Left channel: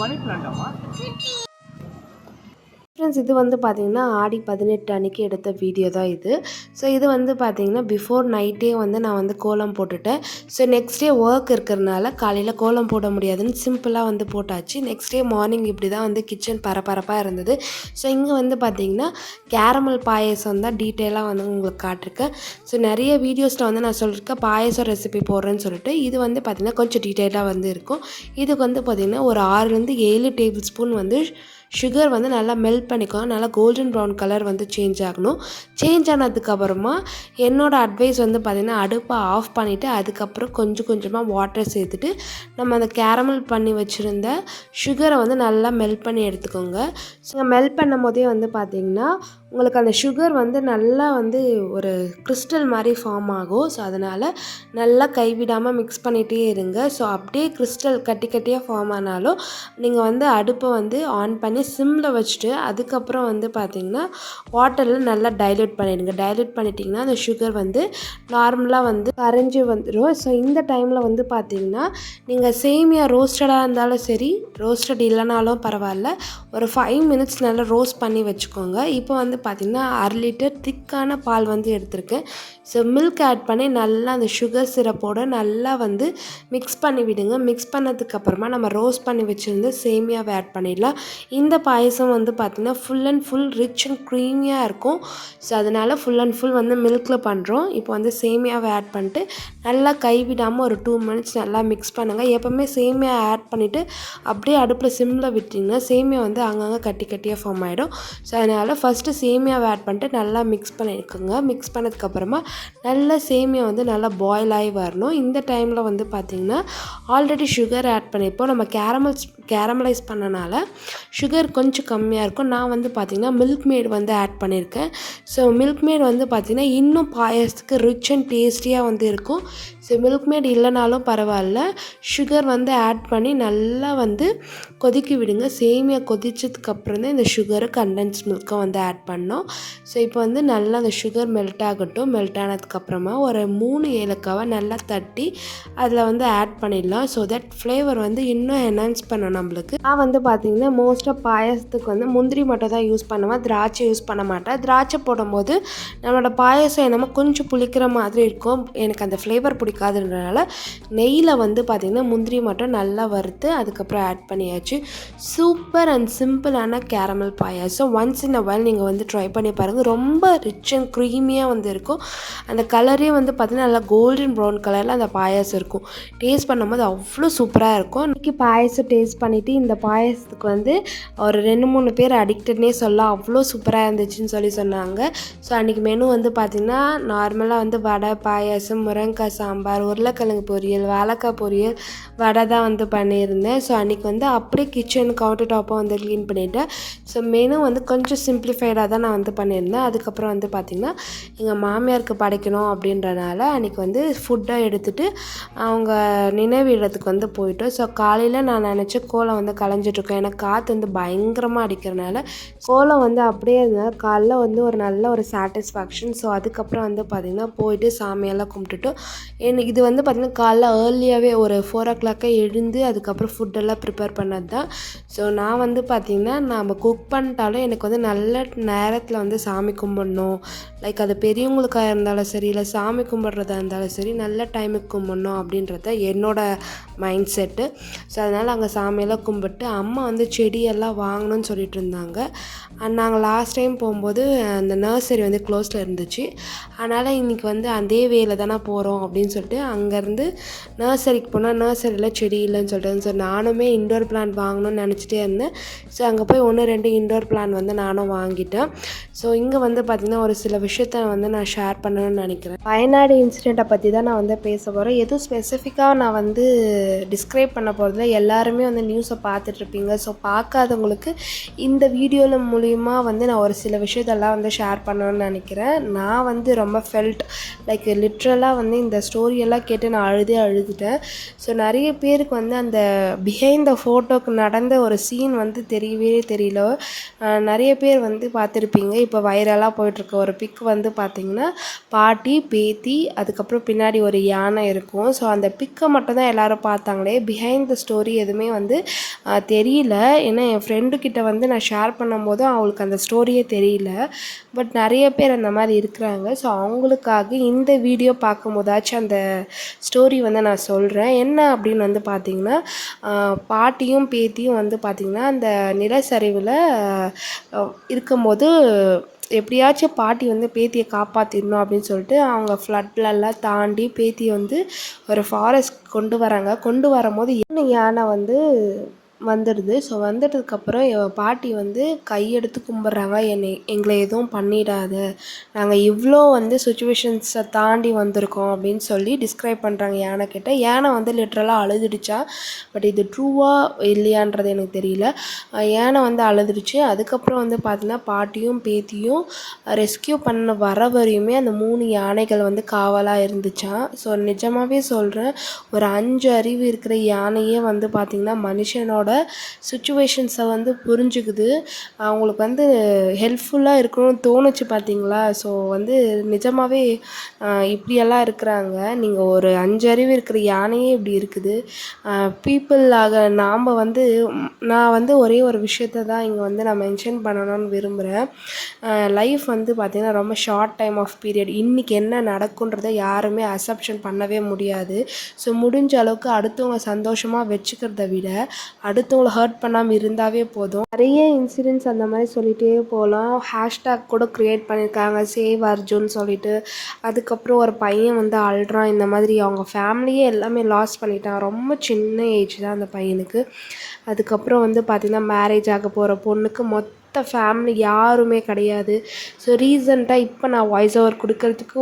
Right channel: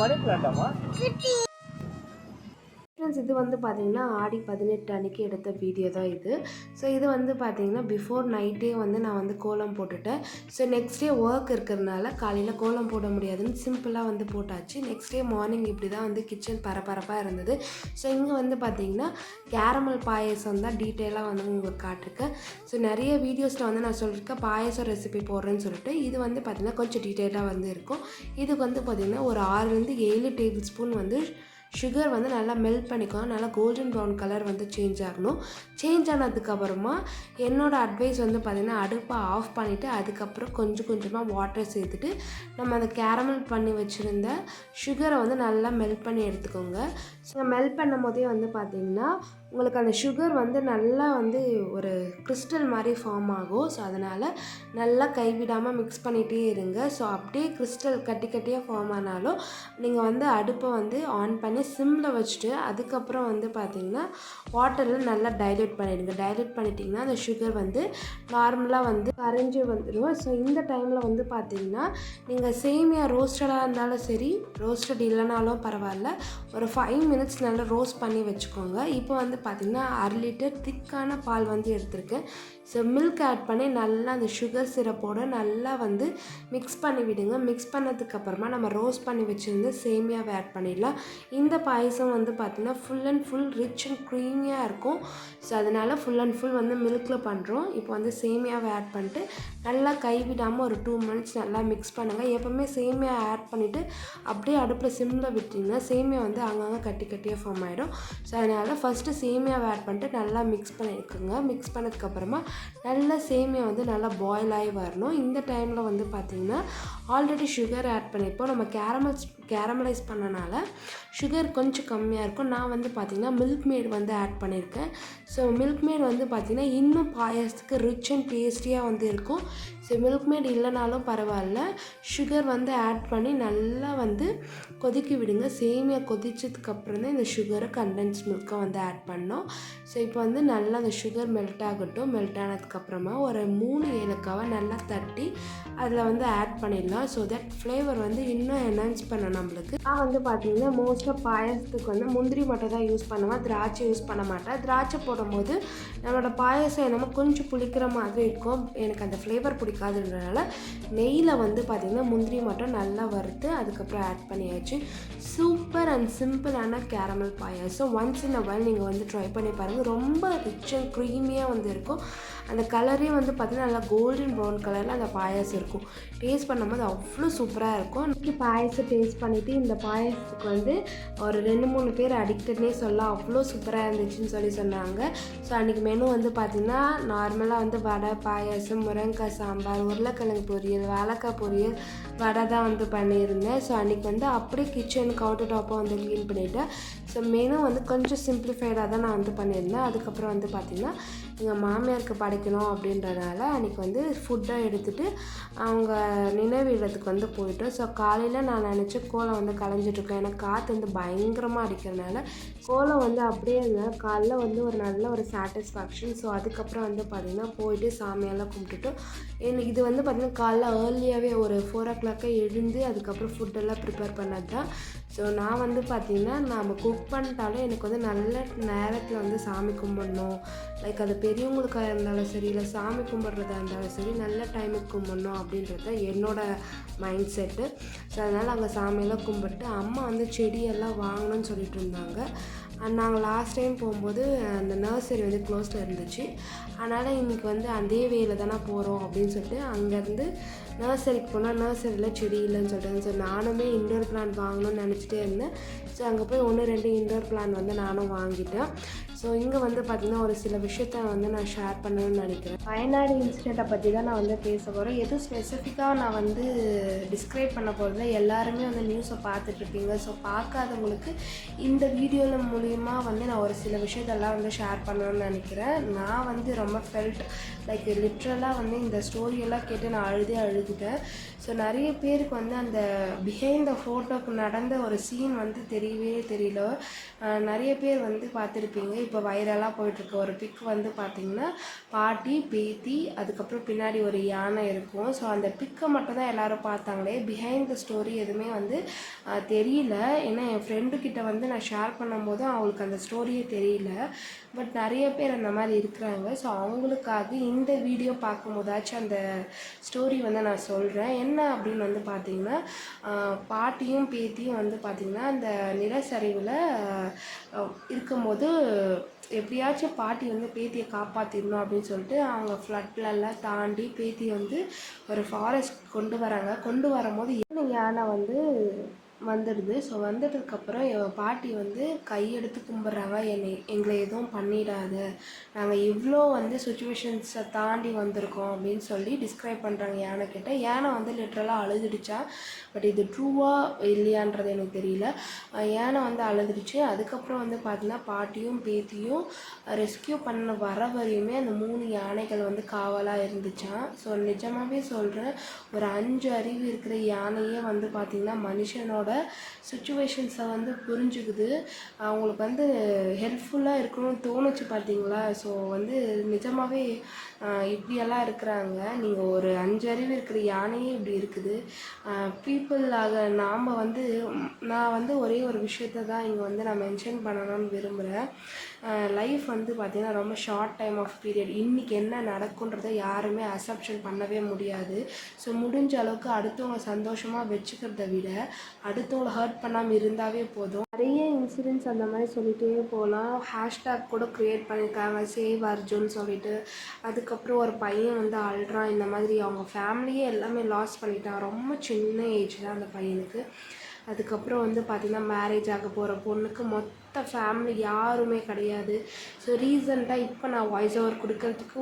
மணி பிளான்ட்டாமா? Friends, இது வந்து பார்த்திங்கன்னா ஆடி 18 அன்றைக்கி எடுத்த வீடியோ தான் இது. ஸோ இது வந்து பார்த்திங்கன்னா பிஃபோர் நைட்டே வந்து நான் வந்து கோலம் போட்டுட்டேன். ஸோ நெக்ஸ்ட் டே ஒர்க் இருக்கிறதுனால காலையில் கோலம் போட முடியாதுன்னு சிம்பிளாக வந்து போட்டாச்சு. நெக்ஸ்ட் டே மார்னிங் இப்படி தான் வந்து கிச்சன் பரபரப்பாக இருந்தது. ஸோ இங்கே வந்து பார்த்திங்கன்னா கேரமல் பாயசம் தான் டீட்டெயிலாக வந்து உங்களுக்கு காட்டிருக்கேன். ஸோ நிறைய வீடியோஸில் வந்து நான் சொல்லியிருக்கேன் பாயசம் ரெசிபி போடுறேன்னு சொல்லிட்டு. இது வந்து பார்த்திங்கன்னா கொஞ்சம் டீட்டெயிலாக வந்து இருக்கும். இதுக்கு வந்து பார்த்திங்கன்னா ஒரு 6லேருந்து 7 டேபிள் ஸ்பூன் வந்து சுகர் வந்து நல்லா மெல்ட் பண்ணிக்கோங்க. நல்லா கோல்டன் ப்ரௌன் கலர் வந்து சேஞ்ச் ஆகணும். சேஞ்ச் ஆனதுக்கப்புறமா என்னோடய அட்வைஸ் வந்து பார்த்திங்கன்னா அடுப்பை ஆஃப் பண்ணிவிட்டு அதுக்கப்புறம் கொஞ்சம் கொஞ்சமாக வாட்டர் சேர்த்துட்டு நம்ம அந்த கேரமல் பண்ணி வச்சுருந்த சுகரை வந்து நல்லா மெல்ட் பண்ணி எடுத்துக்கோங்க. ஸோ மெல்ட் பண்ணும் போதே வந்து பார்த்திங்கன்னா உங்களுக்கு அந்த சுகர் வந்து நல்லா வந்து ஒரு கிறிஸ்டல் மாதிரி ஃபார்ம் ஆகும். ஸோ அதனால் நல்லா கைவிடாமல் மிக்ஸ் பண்ணிகிட்டே இருங்க. ஸோ அப்படியே கிறிஸ்டல் கட்டி கட்டியாக ஃபார்ம் ஆனாலும் நீங்கள் வந்து அடுப்பை வந்து ஆன் பண்ணி சிம்மில் வச்சுட்டு அதுக்கப்புறம் வந்து பார்த்திங்கன்னா வாட்டரில் நல்லா டைல்யூட் பண்ணிடுங்க. டைல்யூட் பண்ணிட்டிங்கன்னா அந்த சுகர் வந்து நார்மலாக வந்து கரைஞ்சி வந்துடும். ஸோ இந்த டைமில் வந்து பார்த்திங்கன்னா நீங்கள் சேமியா ரோஸ்டடாக இருந்தாலும் சரி, ரோஸ்டட் இல்லைனாலும் பரவாயில்ல, ஒரு 5 மினிட்ஸ் நல்லா ரோஸ்ட் பண்ணி வச்சுக்கோங்க. இப்போ வந்து பார்த்திங்கன்னா 1/2 லிட்டர் திக்கான பால் வந்து எடுத்திருக்கேன். ஸோ மில்க் ஆட் பண்ணி நல்லா அந்த சுகர் சிரப்போடு நல்லா வந்து மிக்ஸ் பண்ணி விடுங்க. மிக்ஸ் பண்ணதுக்கப்புறமா நம்ம ரோஸ்ட் பண்ணி வச்சுருந்து சேமியாவை ஆட் பண்ணிடலாம். இந்த பாயசம் வந்து பார்த்திங்கன்னா full and full rich and க்ரீமியாக இருக்கும். ஸோ அதனால் ஃபுல் அண்ட் ஃபுல் வந்து மில்கில் பண்ணுறோம். இப்போ வந்து சேமியாவை ஆட் பண்ணிட்டு நல்லா கைவிடாமல் ஒரு 2 மினிட்ஸ் நல்லா மிக்ஸ் பண்ணுங்கள். எப்போவுமே சேமியா ஆட் பண்ணிவிட்டு அப்படியே அடுப்பில் சிம்மில் விட்டிங்கன்னா சேமியா வந்து அங்கங்கே கட்டி கட்டியாக ஃபார்ம் ஆகிடும். ஸோ அதனால் ஃபஸ்ட்டு சேமியாவை ஆட் பண்ணிட்டு நல்லா மிக்ஸ் பண்ணிக்கோங்க. மிக்ஸ் பண்ணதுக்கப்புறமா நல்லா சேமியா வந்து நல்லா பாயில் ஆகி வரணும். இந்த டைமில் வந்து பார்த்திங்கன்னா ஆல்ரெடி சுகர் ஆட் பண்ணியிருப்போம். நம்ம கேரமலைஸ் பண்ணனால சுகர் கொஞ்சம் கம்மியாக இருக்கும். நான் வந்து பார்த்திங்கன்னா மில்க் மேட் வந்து ஆட் பண்ணியிருக்கேன். ஸோ மில்க் மேட் வந்து பார்த்திங்கன்னா இன்னும் பாயசத்துக்கு ரிச் அண்ட் டேஸ்டியாக வந்து இருக்கும். ஸோ மில்க் மேட் இல்லைனாலும் பரவாயில்ல, சுகர் வந்து ஆட் பண்ணி நல்லா வந்து கொதிக்க விடுங்க. சேமியா கொதிச்சதுக்கப்புறம் தான் இந்த சுகரை கண்டென்ஸ் மில்க்கை வந்து ஆட் பண்ணோம். ஸோ இப்போ வந்து நல்லா அந்த சுகர் மெல்ட் ஆகட்டும். மெல்ட் ஆனதுக்கப்புறமா ஒரு 3 ஏலக்காவை நல்லா தட்டி அதில் வந்து ஆட் பண்ணிடலாம். ஸோ தட் ஃப்ளேவர் வந்து இன்னும் என்ஹான்ஸ் பண்ணணும் நம்மளுக்கு. நான் வந்து பார்த்திங்கன்னா மோஸ்ட்டாக பாயசத்துக்கு வந்து முந்திரி மட்டும் தான் யூஸ் பண்ணுவேன், திராட்சை யூஸ் பண்ண மாட்டேன். திராட்சை போடும்போது நம்மளோட பாயசம் என்னமோ கொஞ்சம் புளிக்கிற மாதிரி இருக்கும். எனக்கு அந்த ஃப்ளேவர் பிடிக்காதுன்றனால நெய்யில் வந்து பார்த்திங்கன்னா முந்திரி மட்டும் நல்லா வறுத்து அதுக்கப்புறம் ஆட் பண்ணியாச்சு. சூப்பர் அண்ட் சிம்பிளான caramel payasam. Once in a while நீங்கள் வந்து ட்ரை பண்ணி பாருங்கள். ரொம்ப ரிச் அண்ட் க்ரீமியாக வந்து இருக்கும். அந்த கலரே வந்து பார்த்திங்கன்னா நல்லா கோல்டன் ப்ரௌன் கலரில் அந்த பாயாசம் இருக்கும். டேஸ்ட் பண்ணும்போது அவ்வளோ சூப்பராக இருக்கும். இன்றைக்கி பாயசம் டேஸ்ட் பண்ணிவிட்டு இந்த பாயசத்துக்கு வந்து ஒரு 2-3 பேர் அடிக்டட்னே சொல்லலாம், அவ்வளோ சூப்பராக இருந்துச்சுன்னு சொன்னாங்க. ஸோ அன்றைக்கி மெனு வந்து பார்த்திங்கன்னா நார்மலாக வந்து வடை, பாயாசம், முருங்கைக்காய் சாம்பார், உருளைக்கிழங்கு பொரியல், வாழைக்காய் பொரியல், வடை தான் வந்து பண்ணியிருந்தேன். ஸோ அன்றைக்கி வந்து அப்படியே கிச்சன் கவுண்டர் டாப்பை வந்து க்ளீன் பண்ணிவிட்டேன். ஸோ மெனு வந்து கொஞ்சம் சிம்பிளிஃபைடாக தான் நான் வந்து பண்ணியிருந்தேன். அதுக்கப்புறம் வந்து பார்த்திங்கன்னா எங்கள் மாமியாருக்கு படைக்கணும் அப்படின்றனால அன்றைக்கி வந்து ஃபுட்டாக எடுத்துகிட்டு அவங்க நினைவு இடத்துக்கு வந்து போயிட்டோம். ஸோ காலையில் நான் நினச்ச கோலம் வந்து கலைஞ்சிட்ருக்கோம். எனக்கு காற்று வந்து பயங்கரமாக அடிக்கிறனால கோலம் வந்து அப்படியே இருந்தனால காலைல வந்து ஒரு நல்ல ஒரு சாட்டிஸ்ஃபேக்ஷன். ஸோ அதுக்கப்புறம் வந்து பார்த்திங்கன்னா போயிட்டு சாமியெல்லாம் கும்பிட்டுட்டோம். எனக்கு இது வந்து பார்த்திங்கன்னா காலைல ஏர்லியாகவே ஒரு 4 o'clock எழுந்து அதுக்கப்புறம் ஃபுட்டெல்லாம் ப்ரிப்பேர் பண்ணது தான். ஸோ நான் வந்து பார்த்திங்கன்னா நம்ம குக் பண்ணிட்டாலும் எனக்கு வந்து நல்ல நேரத்தில் வந்து சாமி கும்பிடணும். லைக் அது பெரியவங்களுக்காக இருந்தாலும் சரி, இல்லை சாமி கும்பிட்றதா இருந்தாலும் சரி, நல்ல டைமுக்கு கும்பிடணும் அப்படின்றது என்னோடய மைண்ட் செட்டு. ஸோ அதனால் அங்கே சாமியெல்லாம் கும்பிட்டு அம்மா வந்து செடியெல்லாம் வாங்கணும்னு சொல்லிட்டு இருந்தாங்க. நாங்கள் லாஸ்ட் டைம் போகும்போது அந்த நர்சரி வந்து க்ளோஸில் இருந்துச்சு. அதனால் இன்றைக்கி வந்து அதே வேலை தானே போகிறோம் அப்படின்னு சொல்லிட்டு அங்கேருந்து நர்சரிக்கு போனால் நர்சரியில் செடி இல்லைன்னு சொல்லிட்டு, ஸோ நானுமே இன்டோர் பிளான்ட் வாங்கணும்னு நினச்சிட்டே இருந்தேன். ஸோ அங்கே போய் 1-2 இன்டோர் பிளான்ட் வந்து நானும் வாங்கிட்டேன். ஸோ இங்கே வந்து பார்த்திங்கன்னா ஒரு சில விஷயத்த வந்து நான் ஷேர் பண்ணணும்னு நினைக்கிறேன். வயநாடு இன்சிடெண்ட்டை பற்றி தான் நான் வந்து பேச போகிறேன். எதுவும் ஸ்பெசிஃபிக்காக நான் வந்து டிஸ்கிரைப் பண்ண போகிறதில்ல. எல்லாருமே வந்து நியூஸை பார்த்துட்ருப்பீங்க. ஸோ பார்க்காதவங்களுக்கு இந்த வீடியோவில் மூலிமா வந்து நான் ஒரு சில விஷயத்தெல்லாம் வந்து ஷேர் பண்ணணும்னு நினைக்கிறேன். நான் வந்து ரொம்ப ஃபெல்ட் லைக் லிட்ரலாக வந்து இந்த ஸ்டோரியெல்லாம் கேட்டு நான் அழுதுட்டேன். ஸோ நிறைய பேருக்கு வந்து அந்த பிஹைண்ட் த ஃபோட்டோக்கு நடந்த ஒரு சீன் வந்து தெரியவே தெரியல. நிறைய பேர் வந்து பார்த்துருப்பீங்க. இப்போ வைரலாக போயிட்டுருக்க ஒரு பிக் வந்து பார்த்திங்கன்னா பாட்டி, பேத்தி, அதுக்கப்புறம் பின்னாடி ஒரு யானை இருக்கும். ஸோ அந்த பிக்கை மட்டும் தான் எல்லோரும் பார்த்தாங்களே, பிஹைண்ட் த ஸ்டோரி எதுவுமே வந்து தெரியல. ஏன்னா என் ஃப்ரெண்டுக்கிட்ட வந்து நான் ஷேர் பண்ணும்போது அவங்களுக்கு அந்த ஸ்டோரியே தெரியல. பட் நிறைய பேர் அந்த மாதிரி இருக்கிறாங்க. ஸோ அவங்களுக்காக இந்த வீடியோ பார்க்கும்போதாச்சும் அந்த ஸ்டோரி வந்து நான் சொல்கிறேன். என்ன அப்படின்னு வந்து பார்த்திங்கன்னா, பாட்டியும் பேத்தியும் வந்து பார்த்திங்கன்னா அந்த நிலச்சரிவில் இருக்கும்போது எப்படியாச்சும் பாட்டி வந்து பேத்தியை காப்பாற்றிடணும் அப்படின்னு சொல்லிட்டு அவங்க ஃப்ளட்லெல்லாம் தாண்டி பேத்தியை வந்து ஒரு ஃபாரஸ்ட் கொண்டு வராங்க. கொண்டு வரும்போது யானை வந்து வந்துடுது. ஸோ வந்துட்டதுக்கப்புறம் என் பாட்டி வந்து கையெடுத்து கும்பிட்றாங்க, எங்களை எதுவும் பண்ணிடாத, நாங்கள் இவ்வளோ வந்து சுச்சுவேஷன்ஸை தாண்டி வந்திருக்கோம் அப்படின்னு சொல்லி டிஸ்கிரைப் பண்ணுறாங்க யானைக்கிட்ட. யானை வந்து லிட்ரலாக அழுதுடுச்சா, பட் இது ட்ரூவாக இல்லையான்றது எனக்கு தெரியல. யானை வந்து அழுதுடுச்சு. அதுக்கப்புறம் வந்து பார்த்தீங்கன்னா பாட்டியும் பேத்தியும் ரெஸ்கியூ பண்ண வர வரையுமே அந்த 3 யானைகள் வந்து காவலாக இருந்துச்சான். ஸோ நிஜமாகவே சொல்கிறேன், ஒரு 5 அறிவு இருக்கிற யானையே வந்து பார்த்திங்கன்னா மனுஷனோட சுச்சுவேஷன்ஸை வந்து புரிஞ்சுக்குது. அவங்களுக்கு வந்து ஹெல்ப்ஃபுல்லாக இருக்கணும்னு தோணுச்சு பார்த்தீங்களா. ஸோ வந்து நிஜமாகவே இப்படியெல்லாம் இருக்கிறாங்க. நீங்கள் ஒரு 5 அறிவு இருக்கிற யானையே இப்படி இருக்குது. பீப்புளாக நாம் வந்து நான் வந்து ஒரே ஒரு விஷயத்தை தான் இங்கே வந்து நான் மென்ஷன் பண்ணணும்னு விரும்புகிறேன். லைஃப் வந்து பார்த்திங்கன்னா ரொம்ப ஷார்ட் டைம் ஆஃப் பீரியட். இன்றைக்கி என்ன நடக்குன்றதை யாருமே அசப்ஷன் பண்ணவே முடியாது. ஸோ முடிஞ்ச அளவுக்கு அடுத்தவங்க சந்தோஷமாக வச்சுக்கிறத விட அடுத்தவங்களை ஹர்ட் பண்ணாமல் இருந்தாவே போதும். நிறைய இன்சிடென்ட்ஸ் அந்த மாதிரி சொல்லிகிட்டே போகலாம். ஹேஷ்டேக் கூட க்ரியேட் பண்ணியிருக்காங்க, சேவ் அர்ஜுன் சொல்லிட்டு. அதுக்கப்புறம் ஒரு பையன் வந்து அழுறான். இந்த மாதிரி அவங்க ஃபேமிலியே எல்லாமே லாஸ் பண்ணிட்டான். ரொம்ப சின்ன ஏஜ் தான் அந்த பையனுக்கு. அதுக்கப்புறம் வந்து பார்த்திங்கன்னா மேரேஜ் ஆக போகிற பொண்ணுக்கு மொத்த ஃபேமிலி யாருமே கிடையாது. ஸோ ரீசெண்டாக இப்போ நான் வாய்ஸ் ஓவர் கொடுக்கறதுக்கு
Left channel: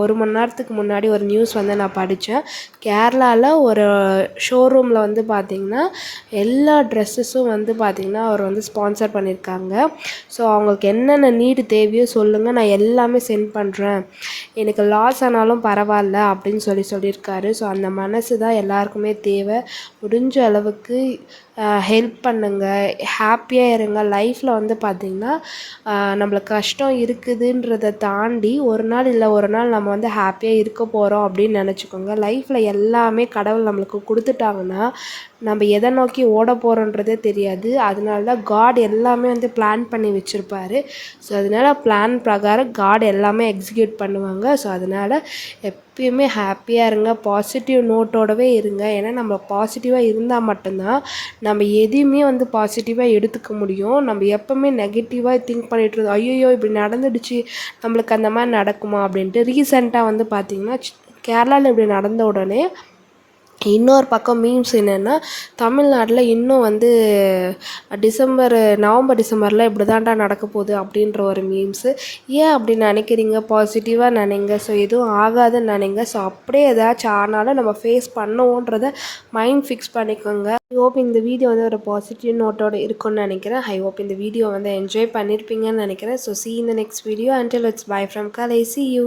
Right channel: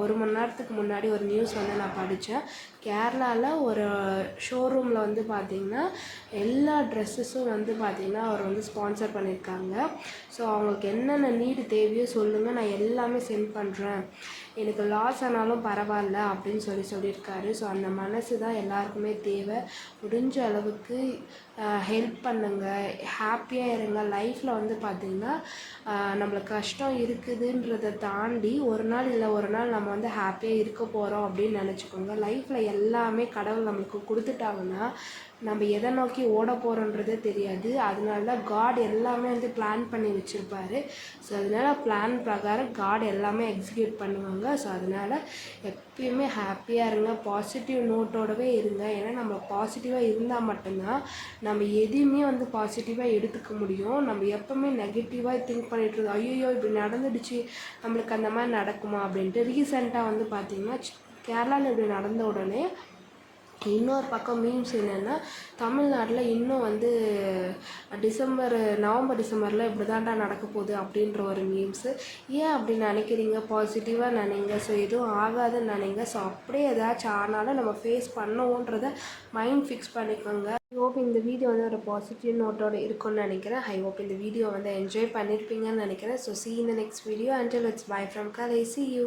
ஒரு மணி நேரத்துக்கு முன்னாடி ஒரு நியூஸ் வந்து நான் படித்தேன். கேரளாவில் ஒரு ஷோரூமில் வந்து பார்த்திங்கன்னா எல்லா ட்ரெஸ்ஸஸும் வந்து பார்த்திங்கன்னா அவர் வந்து ஸ்பான்சர் பண்ணியிருக்காங்க. ஸோ அவங்களுக்கு என்னென்ன நீடு தேவையோ சொல்லுங்கள், நான் எல்லாமே சென்ட் பண்ணுறேன், எனக்கு லாஸ் ஆனாலும் பரவாயில்ல அப்படின்னு சொல்லியிருக்காரு. ஸோ அந்த மனசு தான் எல்லாருக்குமே தேவை. முடிஞ்ச அளவுக்கு ஹெல்ப் பண்ணுங்கள், ஹாப்பியாக இருங்க. லைஃப்பில் வந்து பார்த்திங்கன்னா நம்மளுக்கு கஷ்டம் இருக்குதுன்றதை தாண்டி ஒரு நாள் இல்லை ஒரு நாள் நம்ம வந்து ஹாப்பியாக இருக்க போகிறோம் அப்படின்னு நினச்சிக்கோங்க. லைஃப்பில் எல்லாமே கடவுள் நம்மளுக்கு கொடுத்துட்டாங்கன்னா நம்ம எதை நோக்கி ஓட போகிறோன்றதே தெரியாது. அதனால தான் காட் எல்லாமே வந்து பிளான் பண்ணி வச்சுருப்பாரு. ஸோ அதனால் பிளான் பிரகாரம் காட் எல்லாமே எக்ஸிக்யூட் பண்ணுவாங்க. ஸோ அதனால் எப்பயுமே ஹாப்பியாக இருங்க, பாசிட்டிவ் நோட்டோடவே இருங்க. ஏன்னா நம்ம பாசிட்டிவாக இருந்தால் மட்டும்தான் நம்ம எதையுமே வந்து பாசிட்டிவாக எடுத்துக்க முடியும். நம்ம எப்போவுமே நெகட்டிவாக திங்க் பண்ணிகிட்டு இருந்தோம், ஐயோ இப்படி நடந்துடுச்சு, நம்மளுக்கு அந்த மாதிரி நடக்குமா அப்படின்ட்டு. ரீசெண்டாக வந்து பார்த்திங்கன்னா கேரளாவில் இப்படி நடந்த உடனே இன்னொரு பக்கம் மீம்ஸ் என்னென்னா, தமிழ்நாட்டில் இன்னும் வந்து நவம்பர் டிசம்பரில் இப்படி தான்டா நடக்க போகுது அப்படின்ற ஒரு மீம்ஸு. ஏன் அப்படி நினைக்கிறீங்க? பாசிட்டிவாக நினைங்க. ஸோ எதுவும் ஆகாதுன்னு நினைங்க. ஸோ அப்படியே ஏதாச்சும் ஆனாலும் நம்ம ஃபேஸ் பண்ணுவோன்றதை மைண்ட் ஃபிக்ஸ் பண்ணிக்கோங்க. ஐ ஹோப் இந்த வீடியோ வந்து ஒரு பாசிட்டிவ் நோட்டோடு இருக்குன்னு நினைக்கிறேன். ஐ ஹோப் இந்த வீடியோ வந்து என்ஜாய் பண்ணியிருப்பீங்கன்னு நினைக்கிறேன். So see you in the next video. Until it's bye from Kalai. See you.